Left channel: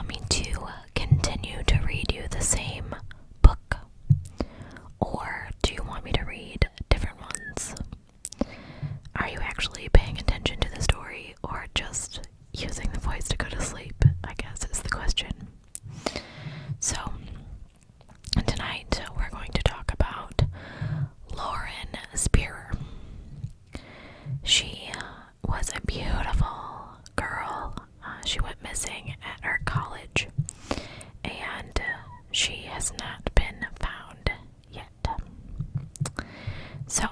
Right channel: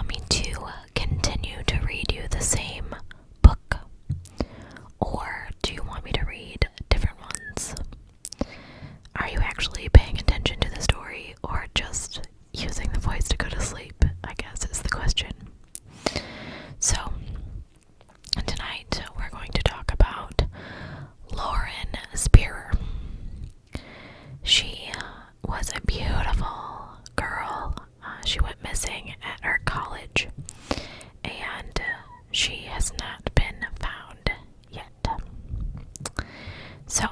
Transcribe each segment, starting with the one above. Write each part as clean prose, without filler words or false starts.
want me to continue to read you the same book? Or do you want me to read different ones? Are you actually paying attention to the story or just using the voice to go to sleep, I guess is the question. So, tonight we're going to talk about Lauren Spierer. She was a beautiful girl. She went missing at her college, and she has not been found yet. So,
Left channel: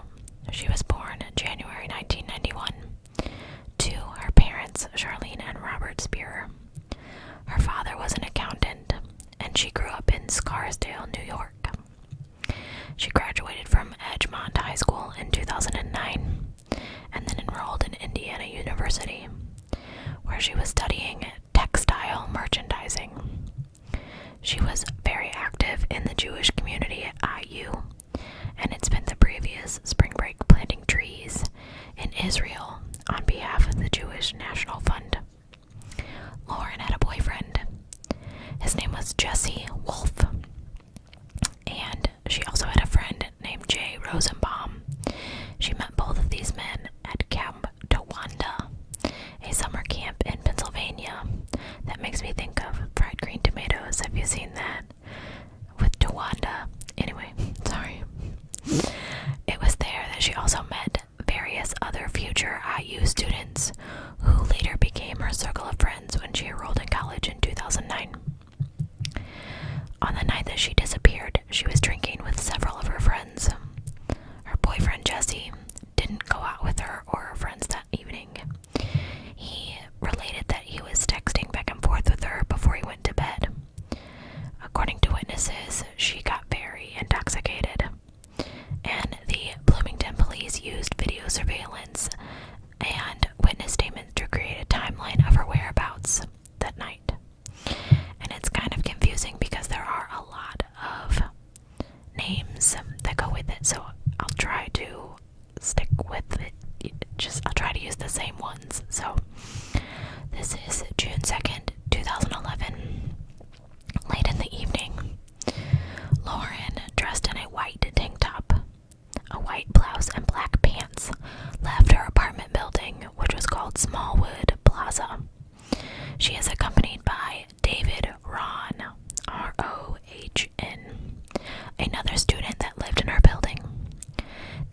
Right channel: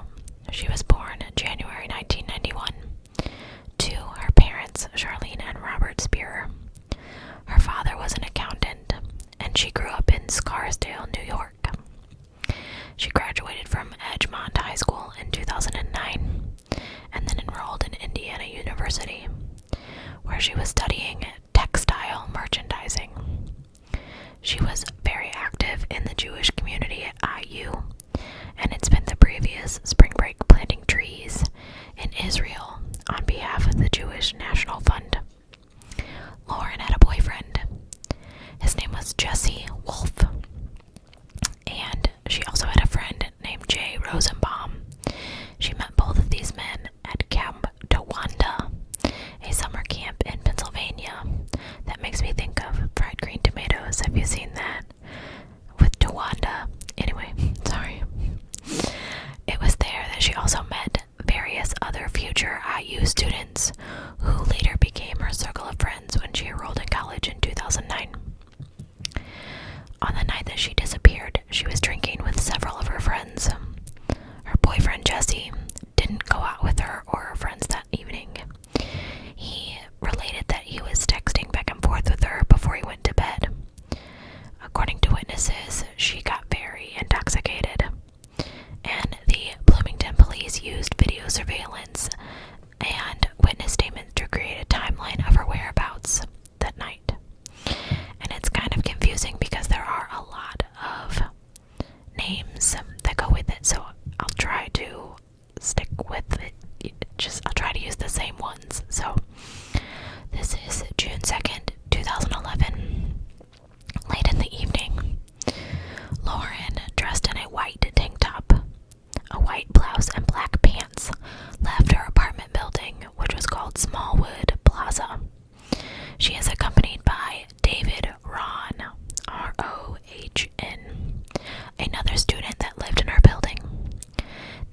she was born in January 1991 to her parents, Charlene and Robert Spierer. Her father was an accountant, and she grew up in Scarsdale, New York. She graduated from Edgemont High School in 2009 and then enrolled in Indiana University, where she was studying textile merchandising. She was very active in the Jewish community at IU, and had spent the previous spring break planting trees in Israel on behalf of the Jewish National Fund. Lauren had a boyfriend. His name was Jesse Wolf, and she also had a friend named Jay Rosenbaum. She met both of these men at Camp Towanda, a summer camp in Pennsylvania that makes me think of fried green tomatoes. Have you seen that? With Towanda. Anyway, sorry. It was there that she also met various other future IU students who later became her circle of friends when she enrolled in college in 2009. On the night that she disappeared, she was drinking with several of her friends. Her boyfriend Jesse didn't go out with her or her friends that evening. He related that he was texting back and forth with her before he went to bed. According to witnesses, she got very intoxicated, and the Bloomington police used video surveillance and witness statements to create a timeline of her whereabouts that night. And it's kind of confusing because there are a lot of names that go with it, so I'll try to stick with it. I'll try to use the same ones. So this is June 2nd, 2011. Late in the evening, Lauren, dressed in a white tank top, a white blouse, and black pants, left her apartment building, which was called Smallwood Plaza. She is accompanied by David Rohn, R-O-H-N, another student that lived in her building.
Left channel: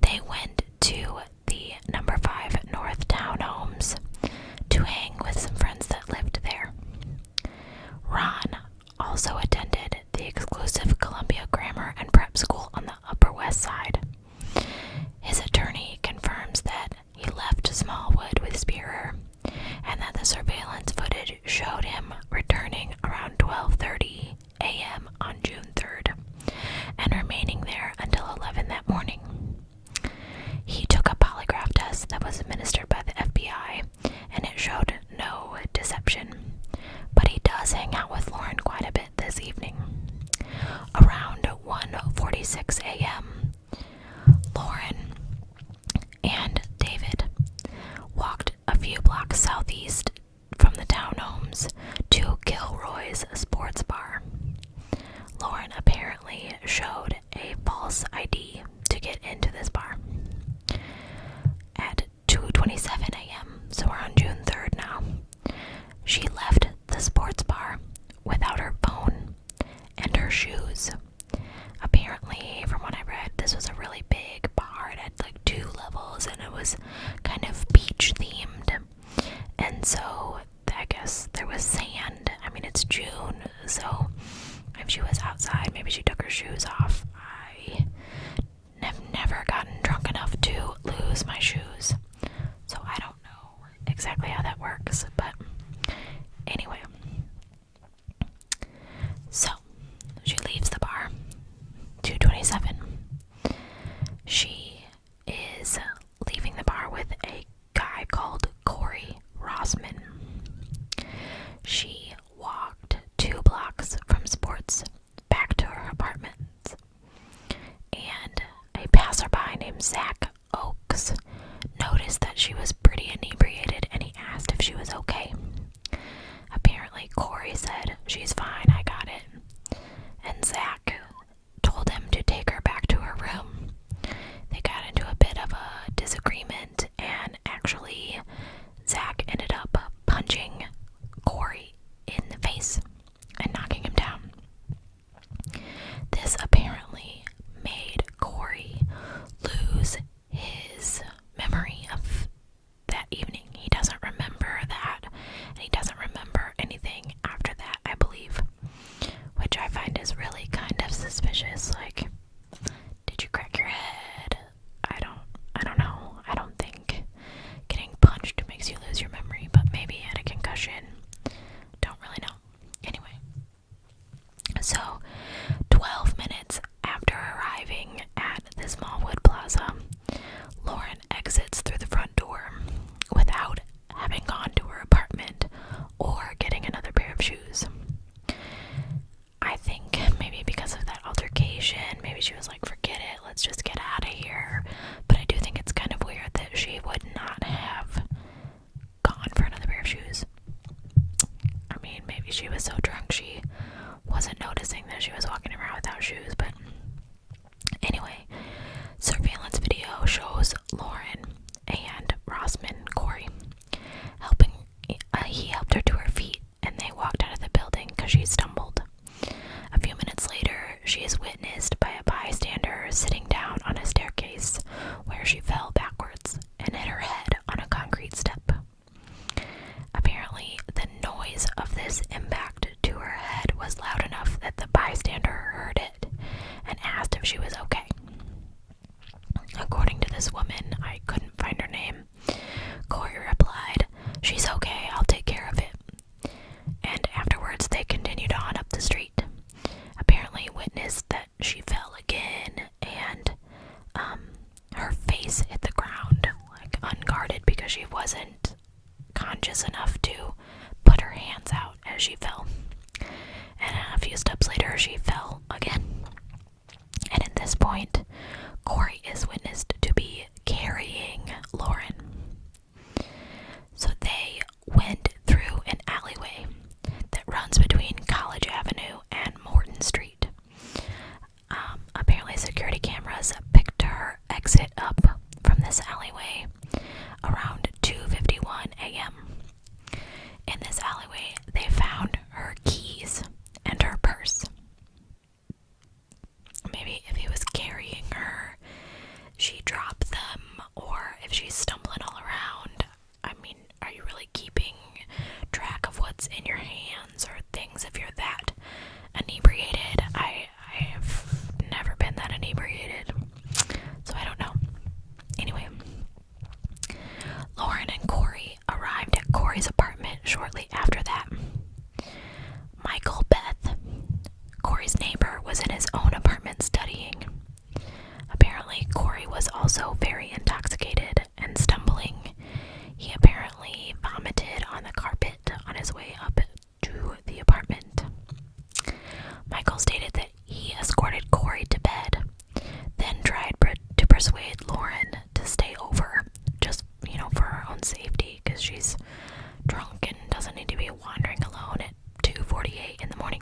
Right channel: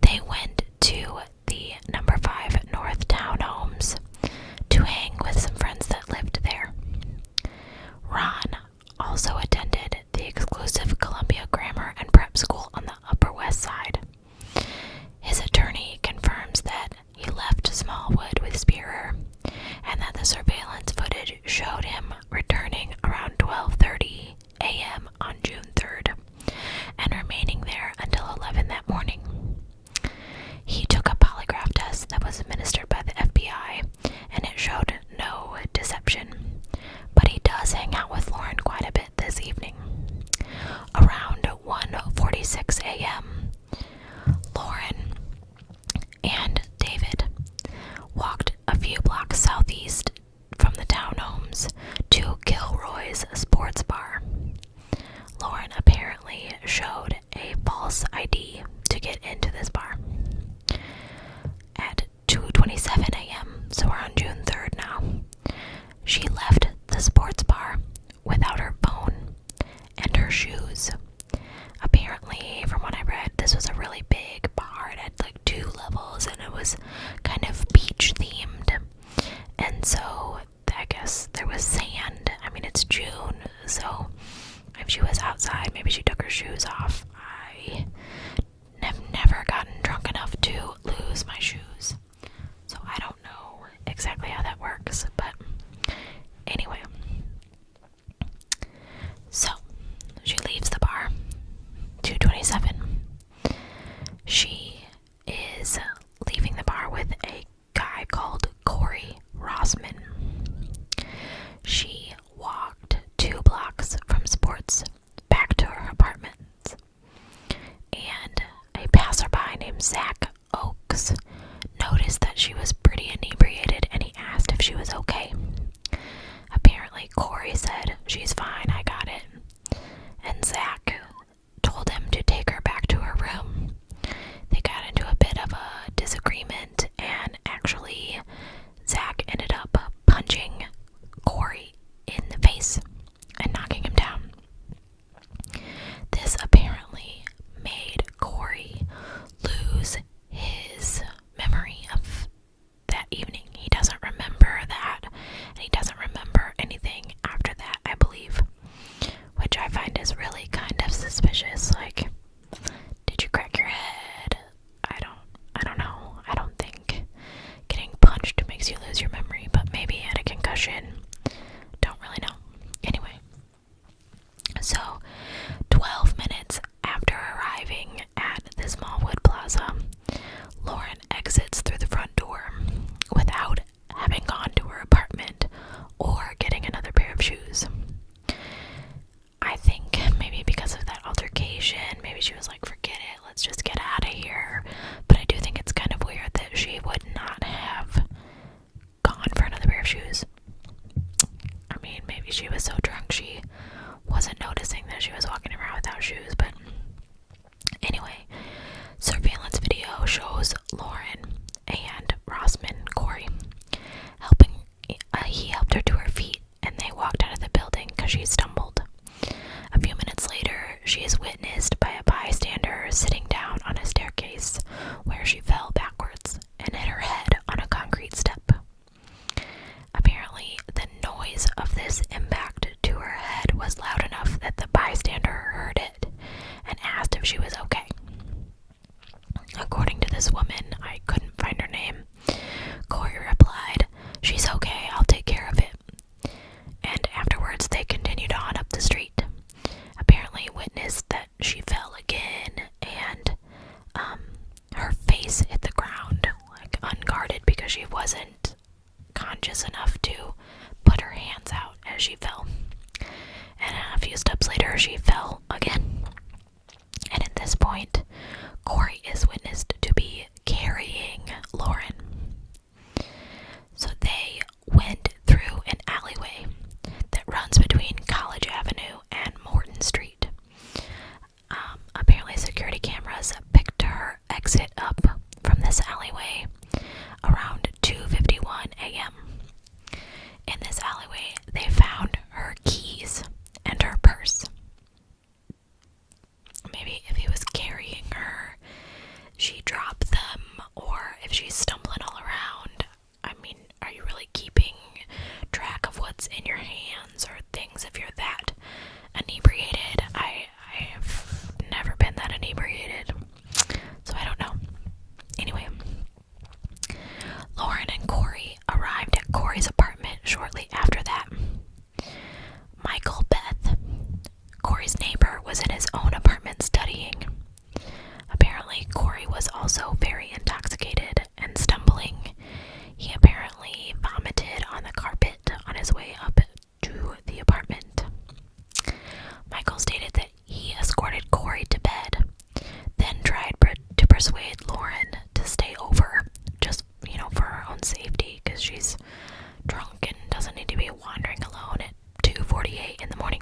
They went to the number 5 North Townhomes to hang with some friends that lived there. Ron also attended the exclusive Columbia Grammar and Prep School on the Upper West Side. His attorney confirms that he left Smallwood with Spierer, and that the surveillance footage showed him returning around 12:30 a.m. on June 3rd, and remaining there until 11 that morning. He took a polygraph test that was administered by the FBI, and it showed no deception, but he does hang out with Lauren quite a bit this evening. Around 1:46 a.m., Lauren and David walked a few blocks southeast from the townhomes to Kilroy's Sports Bar. Lauren apparently showed a false ID to get into this bar. At 2:27 a.m., so we're on June 3rd now, she left the sports bar without her phone and her shoes. Apparently, from what I read, this was a really big bar. It had like 2 levels, and it was kind of beach themed. And so I guess there was sand. I mean, it's June, so if she was outside, maybe she took her shoes off. I have never gotten drunk enough to lose my shoes, so I don't know exactly how that works, but anyway. So she leaves the bar, 2:27. She is leaving the bar with a guy called Corey Rossman. She walked 2 blocks from Sports back to her apartment, and a passerby named Zach Oakes noted she's fine, I got it. And Zach told him to take her back to her room. They got into a bit of a disagreement, and actually, Zach ended up punching Corey in the face and knocking him down. This apparently made Corey lose his memory of that evening. He doesn't remember that, and he doesn't remember anything after that, I believe, which I find is really kind of suspicious. Like, did you crack your head? I don't know. I don't think getting punched makes you lose your memory, but maybe he had a concussion. Don't really know. Anyway, so 12 minutes after arriving at the Smallwood Plaza, Lauren exits through the front door without having gone to her apartment or getting another pair of shoes. I think maybe because of that altercation, maybe she was like, forget it, let's just get out of here. But I do think it's kind of weird that she would not have gone for another pair of shoes. I mean, maybe she was so drunk she wasn't noticing that she was walking around without shoes, but anyway, surveillance video shows Lauren and Rossman, Corey, helping. He helped her to her feet, and they walked out of the building because she stumbled. A few minutes later, she is witnessed by a bystander sitting down on a staircase where she fell backwards and hit her head on a concrete step. Apparently, the noise of this impact to her head was loud enough that the bystander heard it and asked if she was okay. According to this woman, I couldn't find her name, Corey replied, "She's okay, I'll take care of it." And afterwards, they continued on up the street. Apparently witnessed that she fell again, and her face hit the ground, like unguarded, because she wasn't conscious enough to put her hands out as she fell. And a few steps later, she fell again. And at this point, Corey is witnessed to be carrying Lauren. So they went through an alleyway that runs between College Avenue and Morton Street. Apparently security cameras picked her exit up from this alleyway around 2:51 a.m. In this alleyway, they found her keys and her purse. Maybe if he was carrying her, she dropped them, or if she's stumbling all around. I mean, are you really keeping track of what's in your hands or things if you're that inebriated? I've never been that inebriated, so I don't know. Anyway, Lauren and Corey arrived at Corey's apartment shortly after that. Michael Beth, Corey's neighbor, was in his own apartment studying. Apparently, Corey was also very intoxicated and stumbling. He apparently vomited on the carpet on his way up to the apartment. Michael stated that he escorted Corey to bed, then tried to persuade Lauren to stay over, just, for her own safety, because she's drunk and doesn't need to be wandering alone at 2:48 in the morning.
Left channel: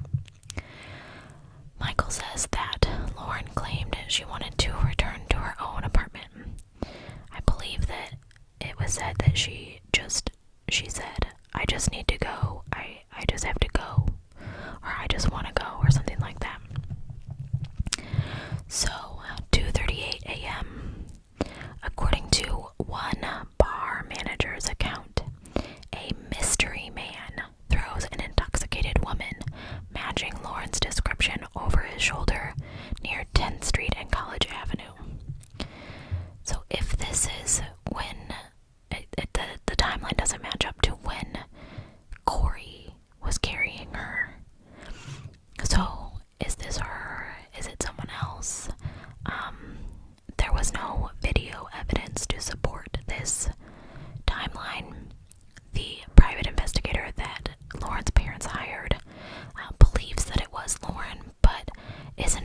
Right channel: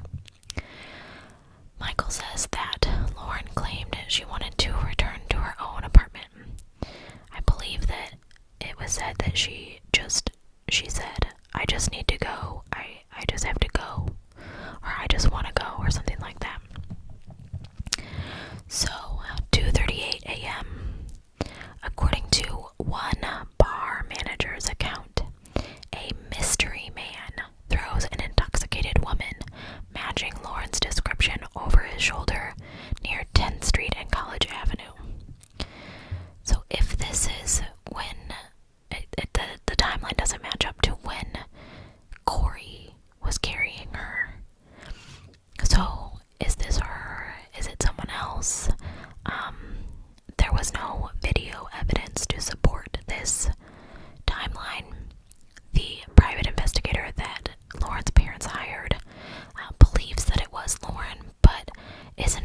Michael says that Lauren claimed she wanted to return to her own apartment. I believe that it was said that she said, "I just need to go, I just have to go," or "I just want to go," or something like that. So, 2:38 a.m., according to one bar manager's account, a mystery man throws an intoxicated woman matching Lauren's description over his shoulder near 10th Street and College Avenue. So if this is when, the timeline doesn't match up to when Corey was carrying her. So is this her? Is it someone else? There was no video evidence to support this timeline. The private investigator that Lauren's parents hired believes that it was Lauren, but isn't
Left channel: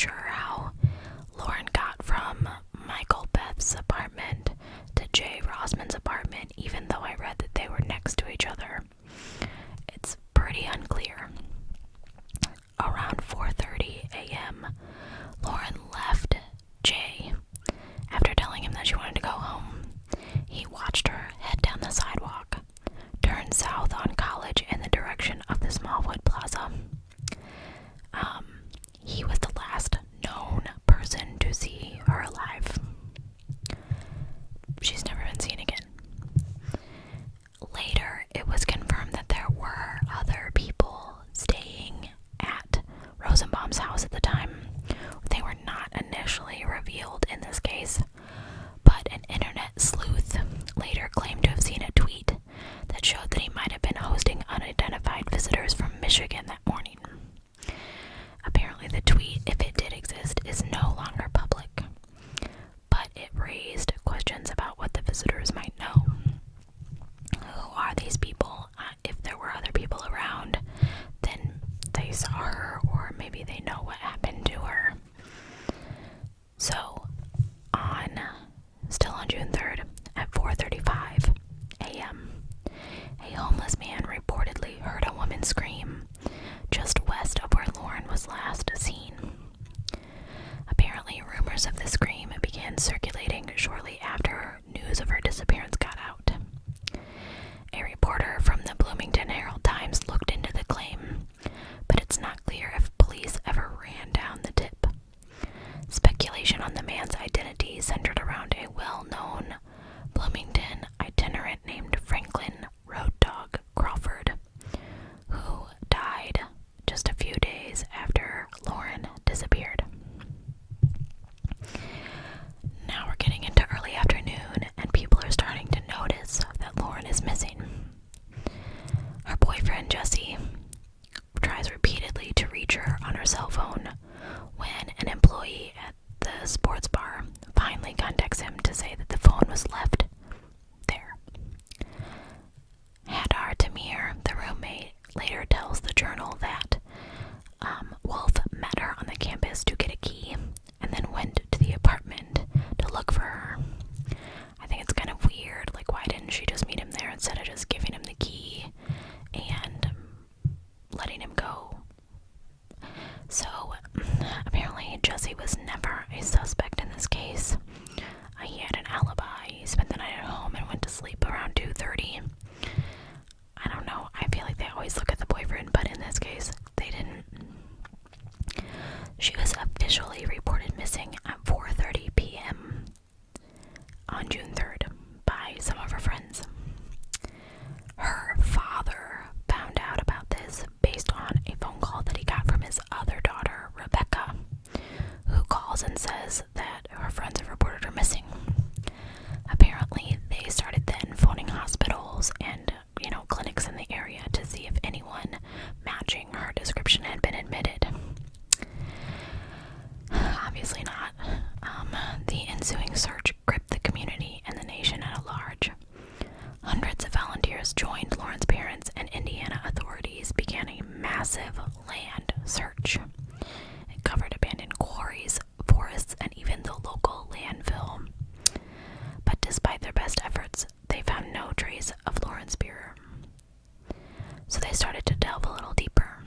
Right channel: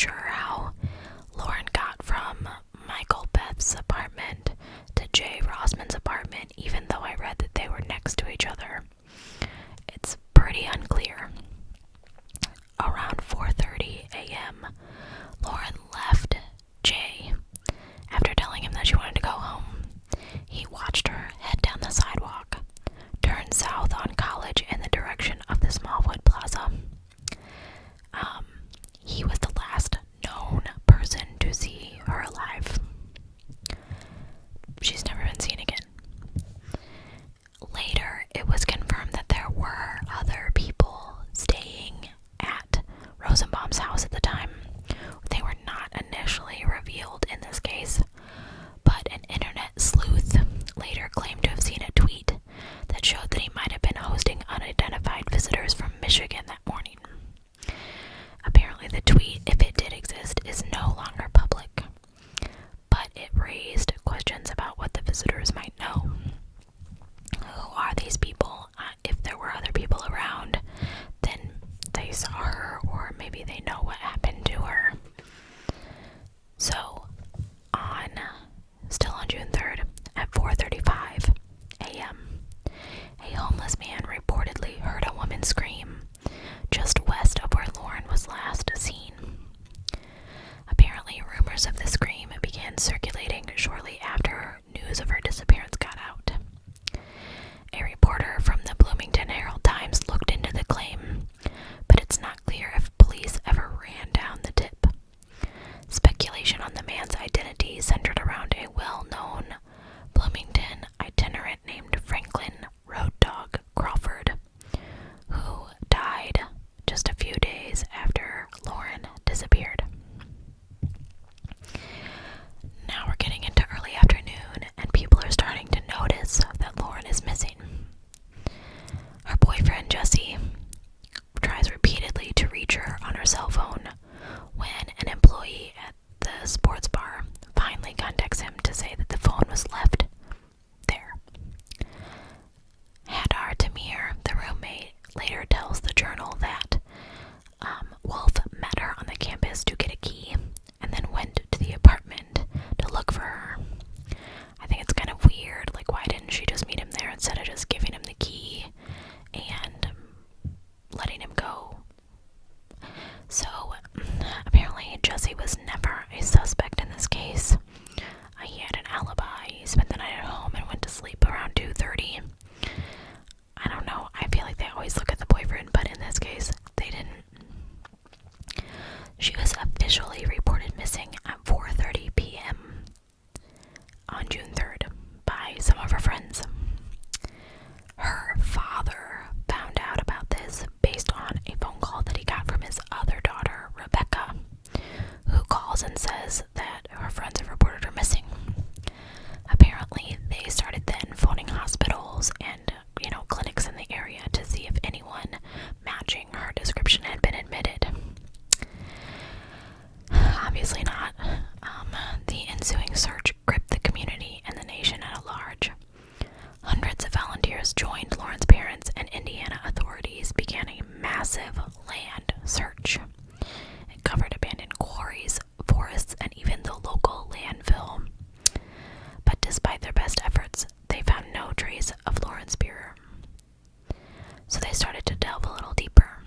sure how Lauren got from Michael Beth's apartment to Jay Rossman's apartment, even though I read that they were next to each other. It's pretty unclear. Around 4:30 a.m., Lauren left Jay after telling him that she wanted to go home. He watched her head down the sidewalk, turn south on College in the direction of the Smallwood Plaza. He was the last known person to see her alive. She's never been seen again. Later, it was confirmed that there were other people staying at Rosenbaum's house at the time. They were not initially revealed in this case, but an internet sleuth later claimed to have seen a tweet that showed that he might have been hosting unidentified visitors from Michigan that morning. Apparently the tweet, if it did exist, is no longer public, but it raised questions about what the visitors might know. Who are these people? If there were other people around, then they saw her, or maybe they know what happened to her. So, still on June 3rd, at 4:35 a.m., a homeless man reportedly heard a woman scream just west of where Lauren was last seen. Apparently, rumors of the scream began circulating shortly after news of her disappearance got out. A reporter from the Bloomington Herald-Times looked into the claim, but it's not clear if police ever ran down the tip. Speculation on the man's identity centered around a well-known Bloomington itinerant named Franklin Road Dog Crawford, who died just a few days after Lauren disappeared. Now we're getting into early afternoon, and people are starting to notice that Lauren is missing. Her boyfriend, Jesse, tries repeatedly to reach her on her cell phone when an employee at the sports bar finally contacts him to say that the phone was left there. Hadar Tamir, the roommate, later tells the Journal that Wolf met her on the campus to get a key and then went to the apartment to look for her. I think it's kind of weird, like, why didn't she just meet him there instead of just giving him the key and letting him go? So, apparently Jesse was never a suspect in this case. He had an alibi. He spent the night at home and went to sleep around 2:30. I don't know. I feel like they always look at the boyfriend, but in this case, they didn't. She was officially reported missing at 4:30 p.m. on June 3rd by some of her friends. Her father found out about this based on a phone call that he got from his other daughter, Rebecca, who calls and says that her friends have reported her missing. Apparently, they started then phoning hospitals and, clinics in the area to see if anyone matching her description had been admitted. Obviously not. The ensuing search gripped the community and the nation at large. Hundreds of volunteers joined Lauren's parents, and Indiana authorities began a massive land search. It covered abandoned quarries, forests, and even the local landfill. But despite their best efforts, they found no trace of Lauren Spierer. So they started to delve a little deeper.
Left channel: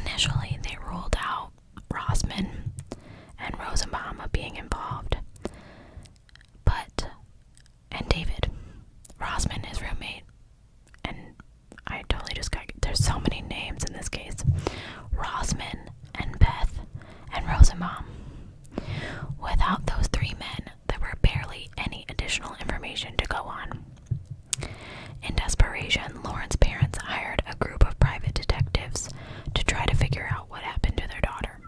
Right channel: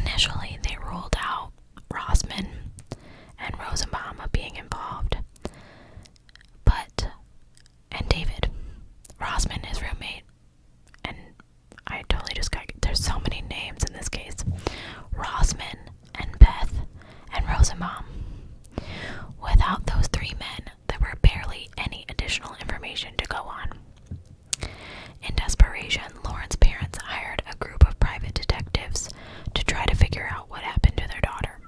Initially, they ruled out Rossman and Rosenbaum being involved. And David, Rossman, his roommate, and I totally just there's so many names in this case. Rossman and Beth and Rosenbaum. Without those three men, there were barely any additional information to go on. In desperation, Lauren's parents hired a group of private detectives to try to figure out what happened to their daughter.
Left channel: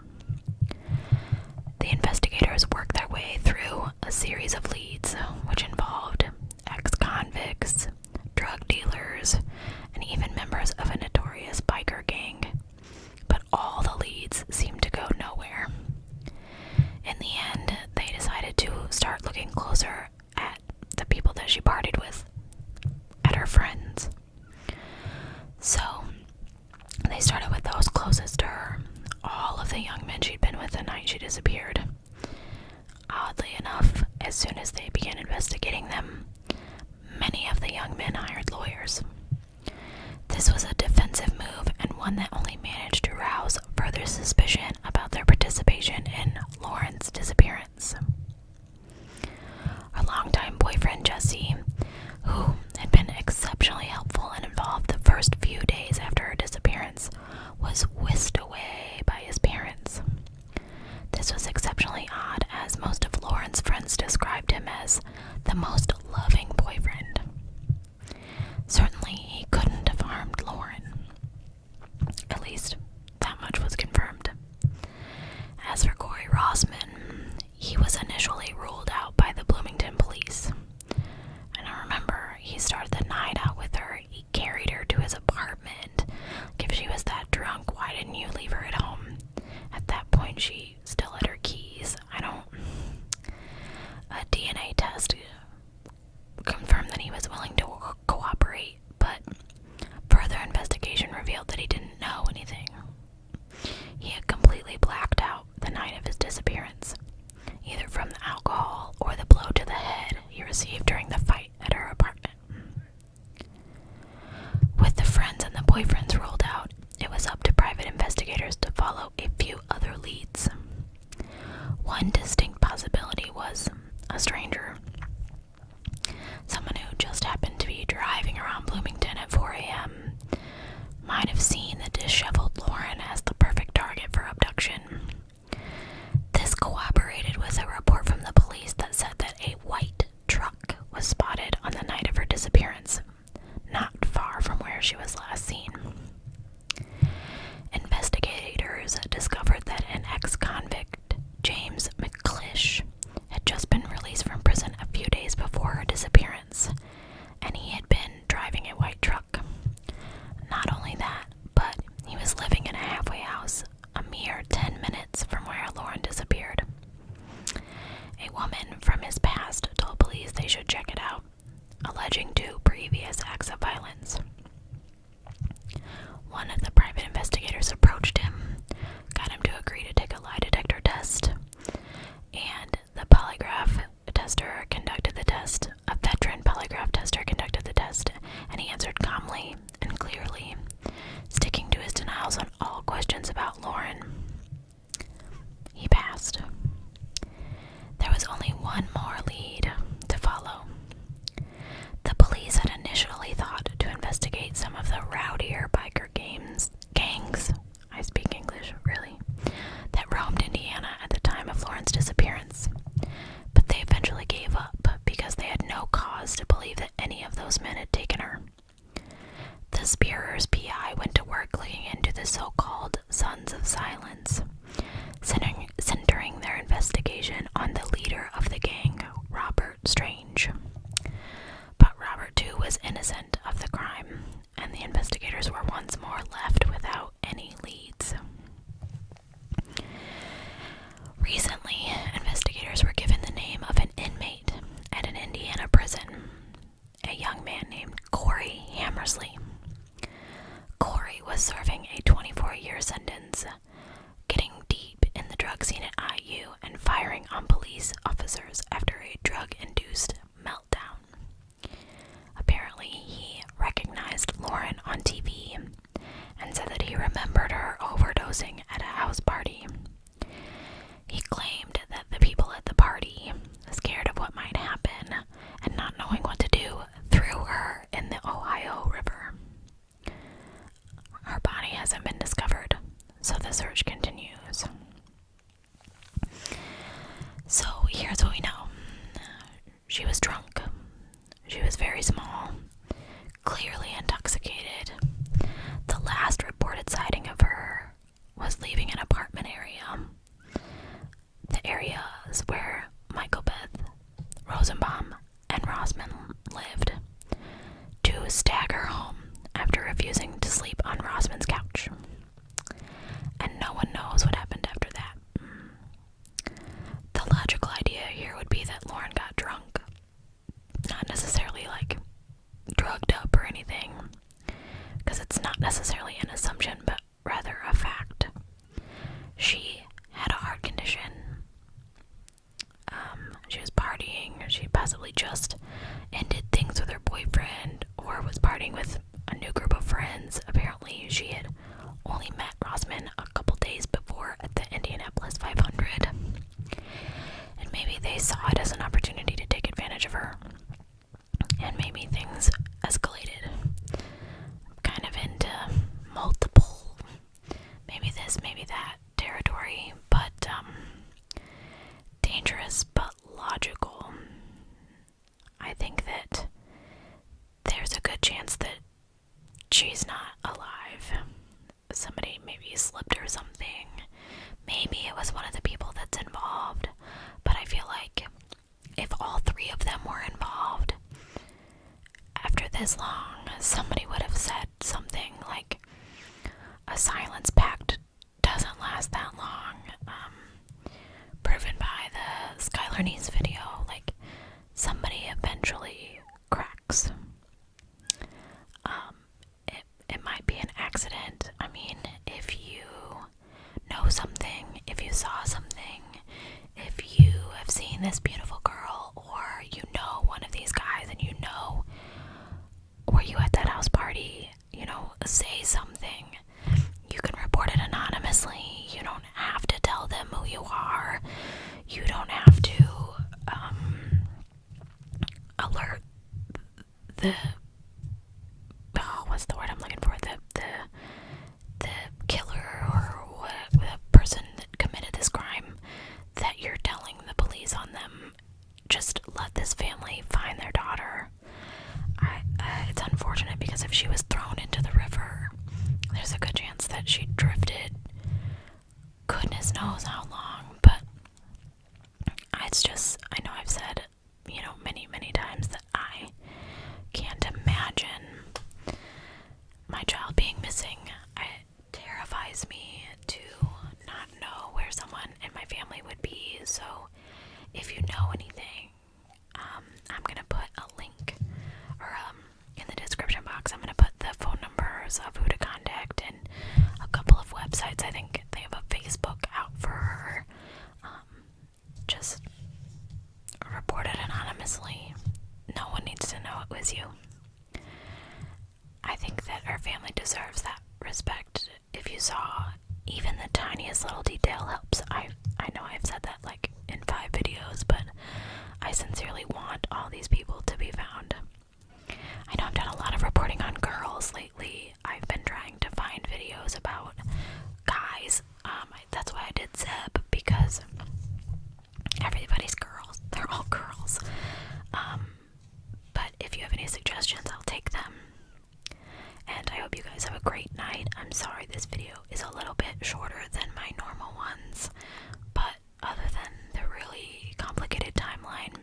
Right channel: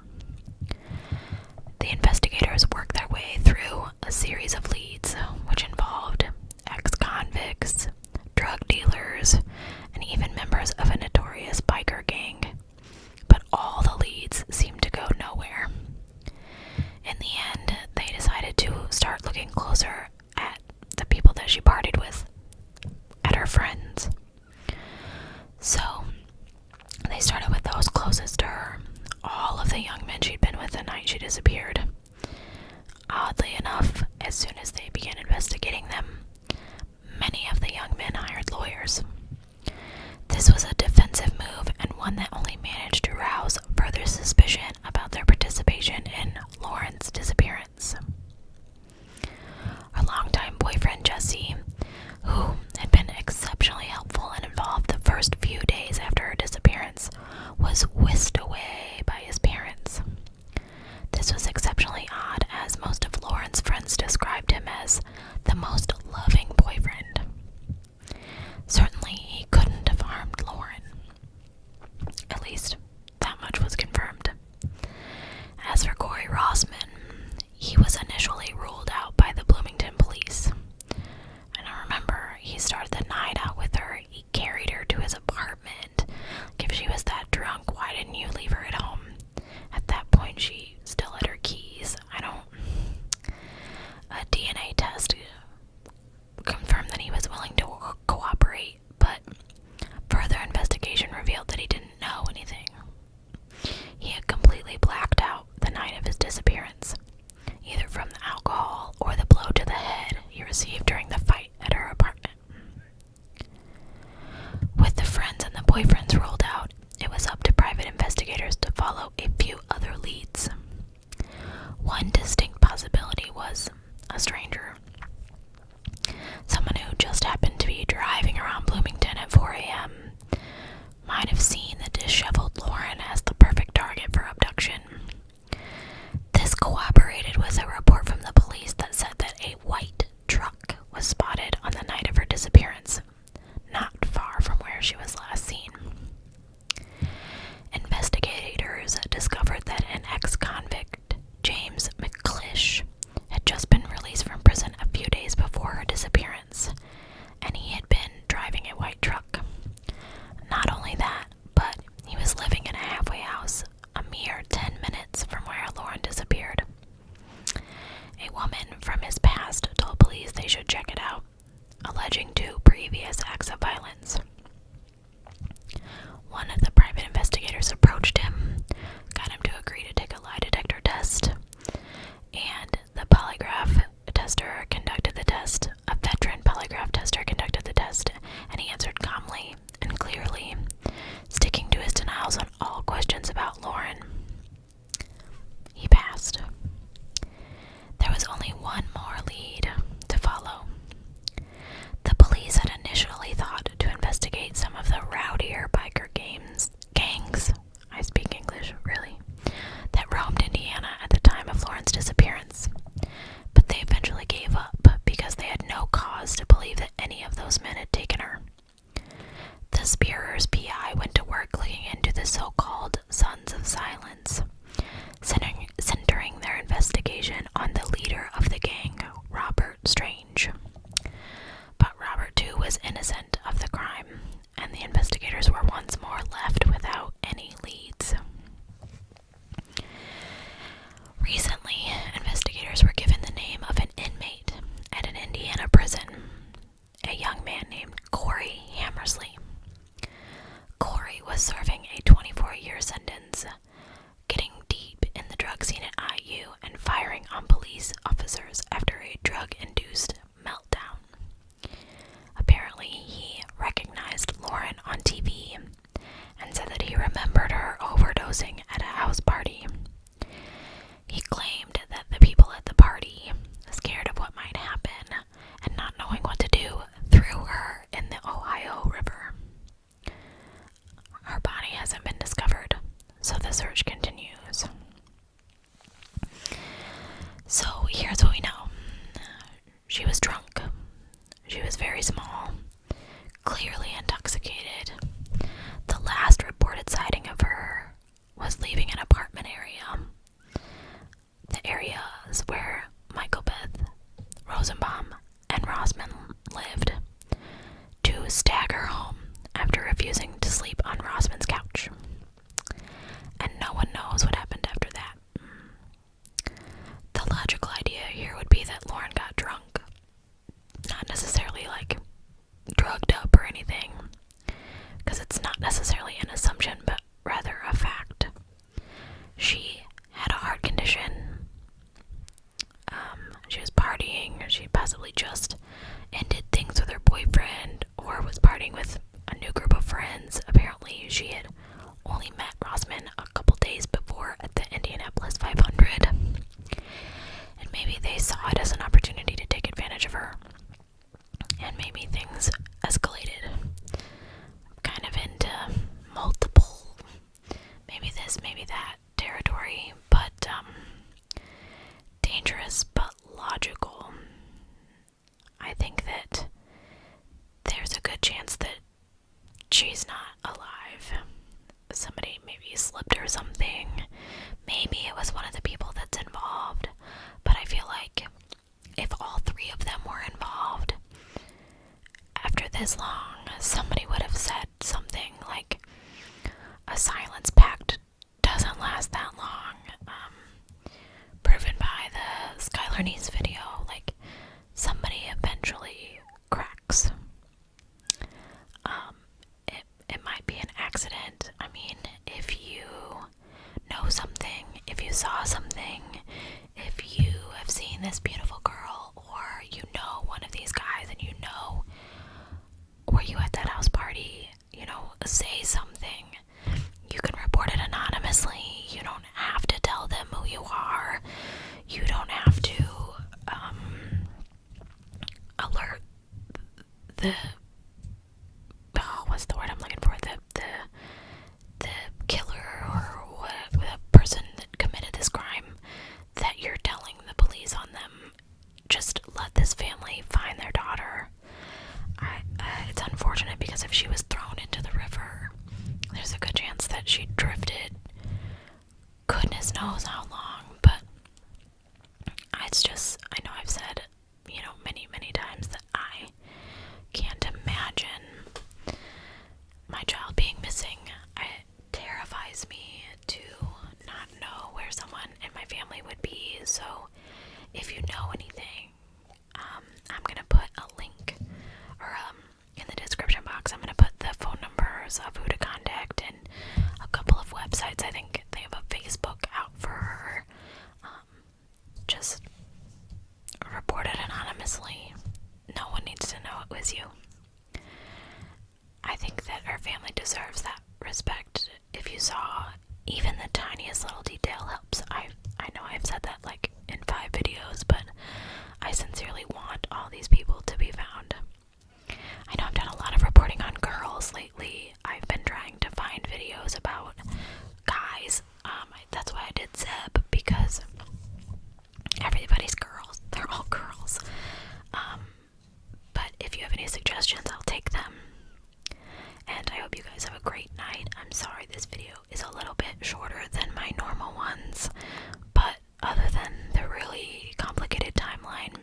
The investigators worked their way through a series of leads, which involved ex-convicts, drug dealers, and even members of a notorious biker gang. But all the leads seemed to go nowhere. In the end, they decided to start looking closer at the people that she partied with, at her friends. So, they started with those closest to her, all of the young men she'd been with night she disappeared. Oddly enough, as soon as they began investigating them, many of the young men hired lawyers. This was a defensive move and one that only managed to rouse further suspicion about their participation in Lauren's disappearance. Her longtime boyfriend Jesse, who had been exceptionally helpful and involved the first few days after her disappearance, was whisked away by his parents. This was exceptionally odd, as most of Lauren's friends described him as the most loving boyfriend. Certainly, he couldn't have harmed Lauren. At least, that much was confirmed. As for Corey Rossman, he was initially ruled out by the Bloomington police. And I remember, he started the night out with her. He carried her to his apartment. Like, if she was that drunk, why didn't you leave her at home? At that point, she still had her keys. A DNA test confirmed that he was willing to cooperate, but further investigation revealed that he didn't know anything. He had completely blacked out the night of his disappearance, either from the alcohol or the blow to the head he received during the fight at her apartment. With the friends and the boyfriends ruled out, it was up to private investigators to follow a few other leads. One distinct possibility was a stranger. Someone who just happened to be driving around Bloomington at 4 a.m. might have seen the disheveled Lauren as the perfect target for abduction. This cooperated with a report from the police that said that a white truck was spotted on the night of her disappearance, not far from where she was last seen. Investigators discovered that an ex-convict, James McClish, had just been released from prison a few days before her disappearance, and he had been driving a white truck. Not only that, but he was living in a halfway house a mere 10 minutes from where Lauren disappeared. A woman from his past told police they should check it out, alleging 2 previous acts of violence. One of the private investigators approached him, got him to agree to take a lie detector test, and the polygraph tester conducted the test. A veteran polygraph tester conducted the test, and he answered calmly and clearly, sticking to his denials on all questions about Lauren. He passed. There was only one more lead to follow. The police had initially thought to investigate some of the rowdier biker gangs, I speak English, really, that roamed Indiana at the time of Lauren's disappearance. But they eventually gave up because they had no cause to believe that any of those men had taken her. The Spierer's PI went to work looking into the so-called Sons of Silence, centering their investigation on the leader of the gang, Robert Strange. But Robert, too, was innocent of the crime, and the investigators were once more left without any leads. Recently, investigators were given the name of an inmate at an Indiana prison, a young man named Corey Hammersley. Corey was serving a 24-year sentence, getting deep in the drug scene at IU and firing on police officers after a drug-induced meltdown. Apparently, he recognized Lauren on TV and said that he remembered her overdosing at a house party. He claimed that the people at the party, scared of what might happen and not knowing what to do, threw her in the Ohio River. Her body hasn't been discovered, so the search continues. So here's what we know. She was partying with a new group of friends. Apparently, she had only met Rossman a couple days before at the Indianapolis 500. And maybe they saw it as an opportunity to take advantage of her. And maybe things escalated kind of into multiple, maybe this, maybe that territory, but dangerous but logical. I think that there's a good chance that she's not alive. Somebody maybe slipped her something. Maybe it was one of the people that's involved. But I feel like if all three of them were involved, after this long, somebody would have said something like, a silence pact doesn't last that long. Proven by the Skylar Neese video, like, somebody eventually cracks. It might be an accident. I mean, if you know something, if you saw something, if you have seen this beautiful girl, or you know one of these guys and you know, were you at that house party, say something. You can report it anonymously. You don't have to tell them who you are. You don't have to alert the what's the word I'm looking for? The killer or what, the person that committed this crime, that you're telling the police on them. Just let this family find their daughter. It's unfortunate because if she was thrown into the river, there's a good chance that she drifted goodness knows how long. But it's just, I know I've said, many, many times that I can't imagine my child being missing. It terrifies me to not know where someone in my family would be. So if you know anything, I'm going to put a link, or in the description box, I'm going to put the phone numbers of who to contact and a couple of websites. I think they have a Facebook out for her. Just report it anonymously. No one needs to know it was you. I think that our family deserves that respect. If you saw even the tiniest little detail helps. I know I've said that like in 5 videos, but I sincerely want all these people to be found. I know I've done a lot of reporting on girls lately. I've been trying to find videos about guys. That's why I did Zeb, because everybody's girls. They're all girls. But if you have any suggestions, I'll take them. And I hope you guys have a great night. I'm sorry this video is a little bit shorter than my normal ones, but other than the really complicated timeline,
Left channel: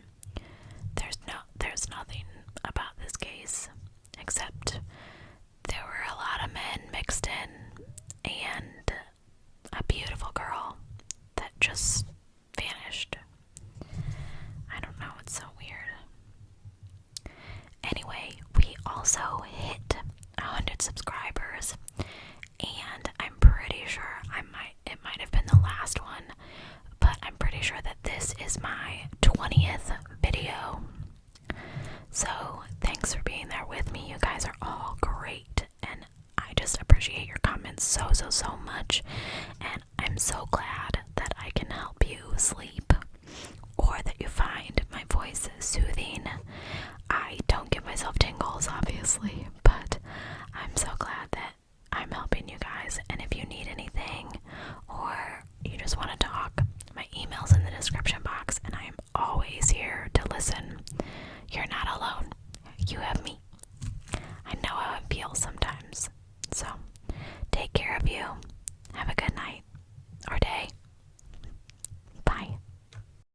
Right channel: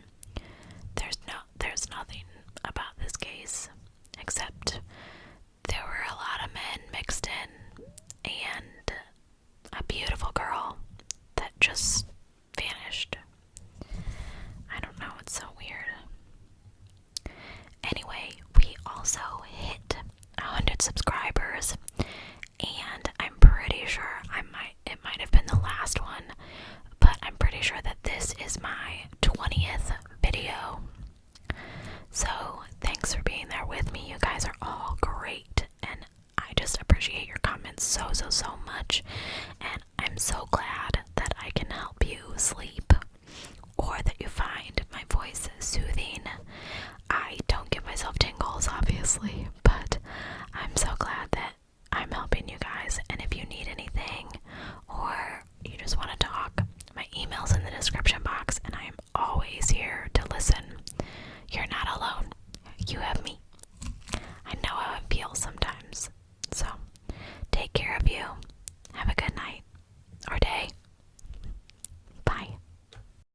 there's nothing about this case except there were a lot of men mixed in and a beautiful girl that just vanished. I don't know, it's so weird. Anyway, we also hit 100 subscribers